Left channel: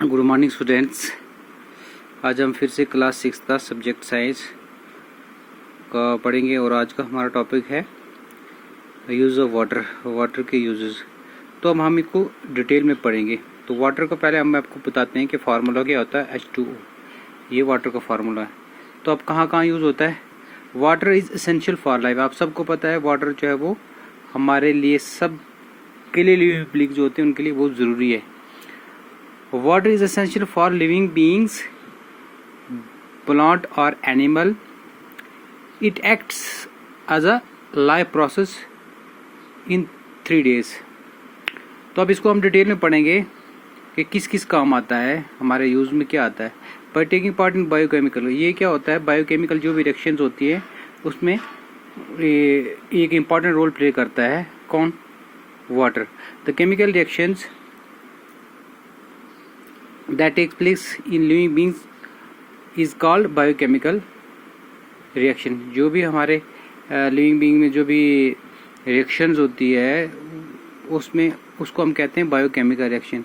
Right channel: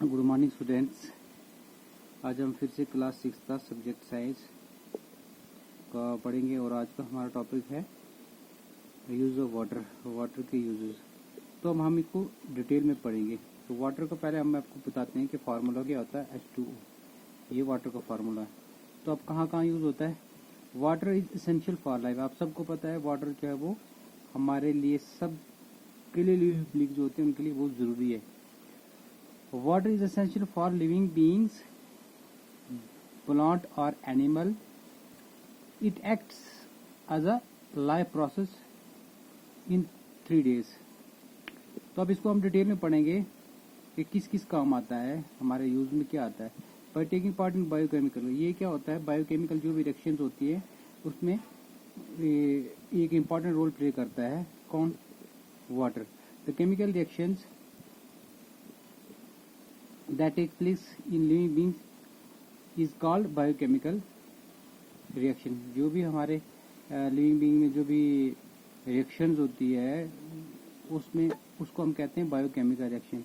Good morning students. आज हम फिर से क्लास 6 का सब्जेक्ट साइंस का पढ़ेंगे और आज का हमारा टॉपिक है यूज़ ऑफ वाटर के यूजेस। तो हम इसको डिटेल में पढ़ेंगे। तो वाटर को पहले हम आपको बताते हैं कि फार्मूला क्या होता है। H2O ये वाटर का फार्मूला है। तो अब कहाँ कहाँ यूज़ होता है। Water is essential for life. आप सबको पता है वाटर जो है वो हमारे लिए सब के लिए लिविंग जो होते हैं उनके लिए बहुत ज़रूरी है। Water is essential for living beings, plant or animal. It acts as a life process in 3 days. तो अब इसको हम डिटेल में पढ़ेंगे कि किस किस काम आता है, हमारे यूज़ में क्या आता है। By taking part in biochemical, ये क्या होता है, बायोकेमिकल जो भी रिएक्शंस होती है उसमें एक इम्पॉर्टेंट रोल प्ले करता है। कौन? Water. The chemical reactions that takes place in living beings is called biochemical reaction। जो भी हमारे लिविंग बीइंग में जो भी रिएक्शंस होती है उसमें उसको हम कहते हैं बायोकेमिकल रिएक्शन।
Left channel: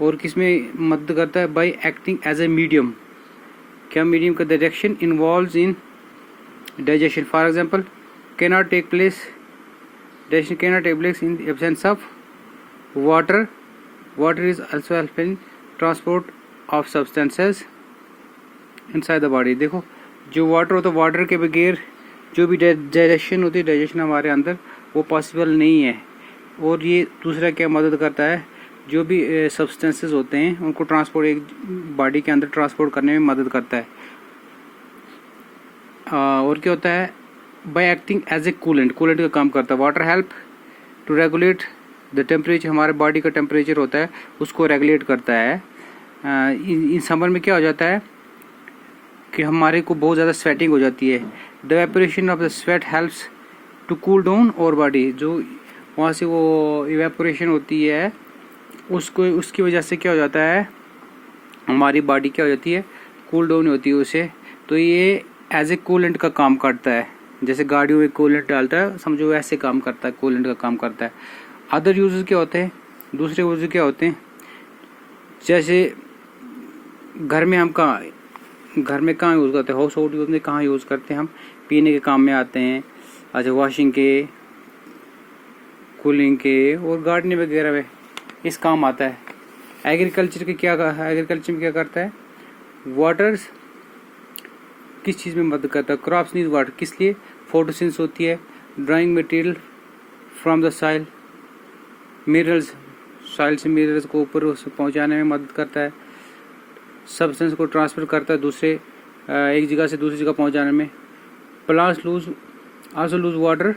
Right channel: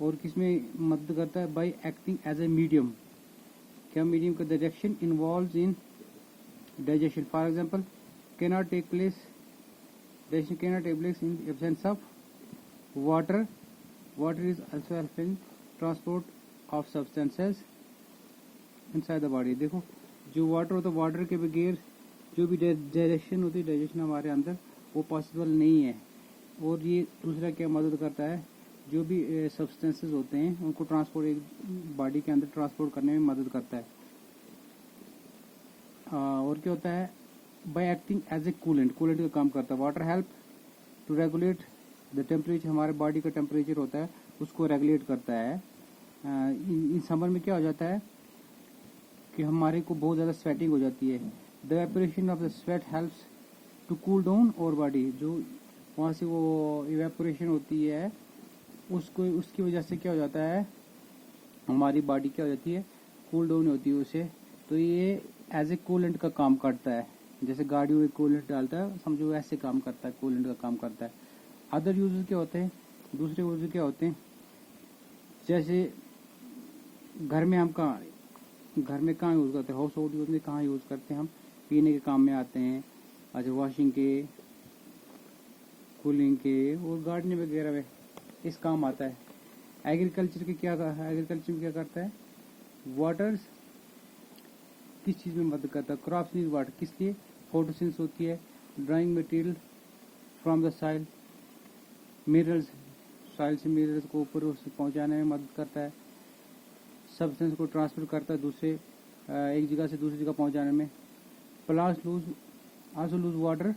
और किस में मदद करता है? By acting as a medium. क्या मीडियम का? The reaction involves in digestion. For example cannot take place digestion cannot take place in absence of water. Water is also helpful in transport of substances inside the body। देखो जो water होता है, water के बगैर जो भी digestion होती है, डाइजेशन हमारे अंदर वो पॉसिबल नहीं है। और ये दूसरा क्या मदद करता है, जो भी सब्सटेंसेस होते हैं उनको ट्रांसपोर्ट एक बॉडी के अंदर ट्रांसपोर्ट करने में मदद करता है। और क्या होता है? By acting as a coolant का काम करता है। Water help to regulate the temperature. हमारे बॉडी का टेम्परेचर होता है उसको रेगुलेट करता है। इन समर में क्या हो जाता है कि हमारे को बहुत ज़्यादा स्वेटिंग हो जाती है। The evaporation of the sweat helps to cool down our body. जो वहाँ से वो इवेपोरेशन होती है उसको उसकी वजह से क्या हो जाता है, हमारी बॉडी क्या हो जाती है, कूल डाउन होती है उसे। तो ये एज ए कूलेंट का काम करता है। जैसे गाड़ियों में कूलेंट डालता है, समझो ऐसे काम करता है, कूलेंट का काम करता है। अदर यूजेस क्या होते हैं? दूसरे यूजेस क्या होते हैं? जैसे घर में हम घर में कहाँ यूज़ करते हैं? हाउस होल्ड यूज में कहाँ यूज़ करते हैं हम? पीने के काम में आते हैं। अच्छा, वॉशिंग के, कूलिंग के और गार्डनिंग वगैरह में इस काम आता है। एग्रीकल्चर में क्या करता है? वाटर किस चीज़ में मदद करता है? Crops need water. किस लिए? फोटोसिंथेसिस होती है। Drawing material from the soil. Minerals, soil से मिनरल्स को ऊपर पहुंचाने में मदद करता है। सब्सटेंस को ट्रांसफर करता है दूसरे एक जगह से दूसरी जगह पहुंचाने में। Plants also loose water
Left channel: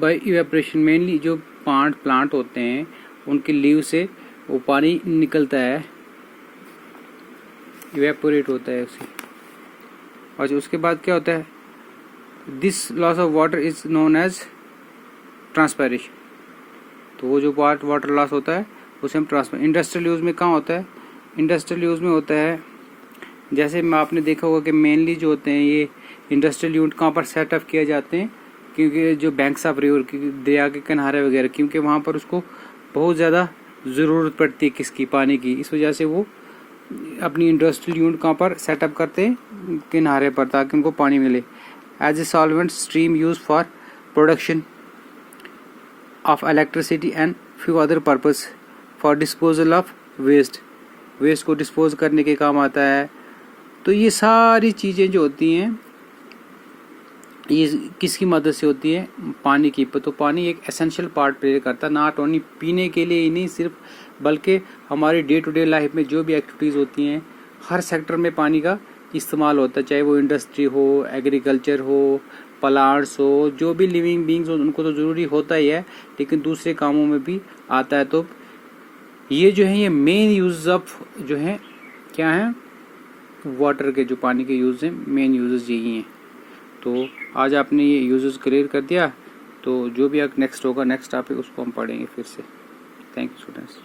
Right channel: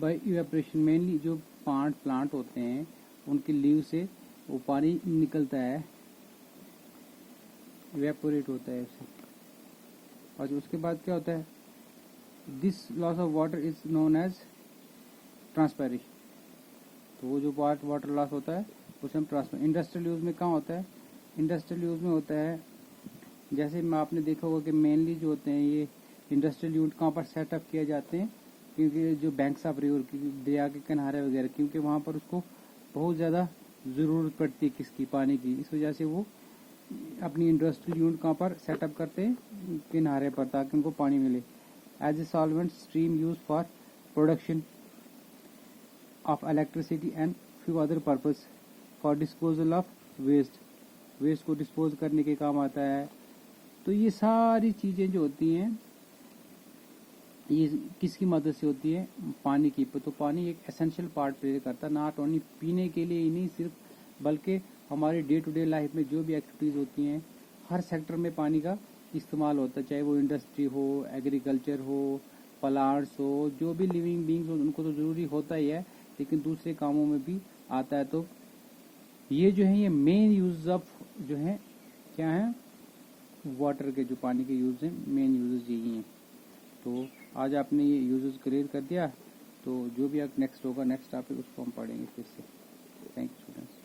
bye evaporation. Mainly जो प्लांट होते हैं उनके लीव से वो पानी निकलता है, इवेपोरेट होता है उसे। और उसके बाद क्या होता है? This loss of water is known as transpiration. तो वो जो पार्ट वाटर लॉस होता है उसे हम ट्रांसफर। इंडस्ट्रियल यूज़ में कहाँ होता है? इंडस्ट्रियल यूज़ में होता है, जैसे में आपने देखा होगा कि मेनली जो होते हैं ये इंडस्ट्रियल यूनिट कहाँ पर सेटअप किए जाते हैं, क्योंकि जो बैंक्स ऑफ रिवर की, दरिया के किनारे वगैरह, क्योंकि वहाँ पर उसको बहुत ज़्यादा ज़रूरत पड़ती है किसकी? पानी की। इस वजह से वो अपनी इंडस्ट्रियल यूनिट कहाँ पर सेटअप करते हैं? किनारे पर, ताकि उनको पानी मिले। As a solvent stream use for production of electricity and few other purpose for disposal of waste को डिस्पोज करने के काम आता है। तो ये सारी चीज़ें जो होती हैं ये किसकी मदद से होती है? पानी की। तो पानी एक एसेंशियल पार्ट प्ले करता है, नॉट ओनली पीने के लिए ही नहीं सिर्फ, बल्कि हमारी डे टू डे लाइफ में जो भी एक्टिविटीज़ होती हैं हर सेक्टर में पानी का इस्तेमाल होता है। चाहे वो इंडस्ट्री हो, एग्रीकल्चर हो, प्लांट्स हो, जो भी लिविंग बींग्स हो उनको तो ज़रूरी होता ही है, लेकिन दूसरे कामों में भी आता है। तो ये जो है ये मेन यूज ऑफ जो है क्या है, वाटर के जो पानी के यूज़ हैं, मेन यूजेस यही हैं। तो आज आपने ये यूजेस क्लियर कर दिया। तो जो भी नेक्स्ट होगा, नेक्स्ट टॉपिक, उसको हम पढ़ेंगे फिर से। Thank you students.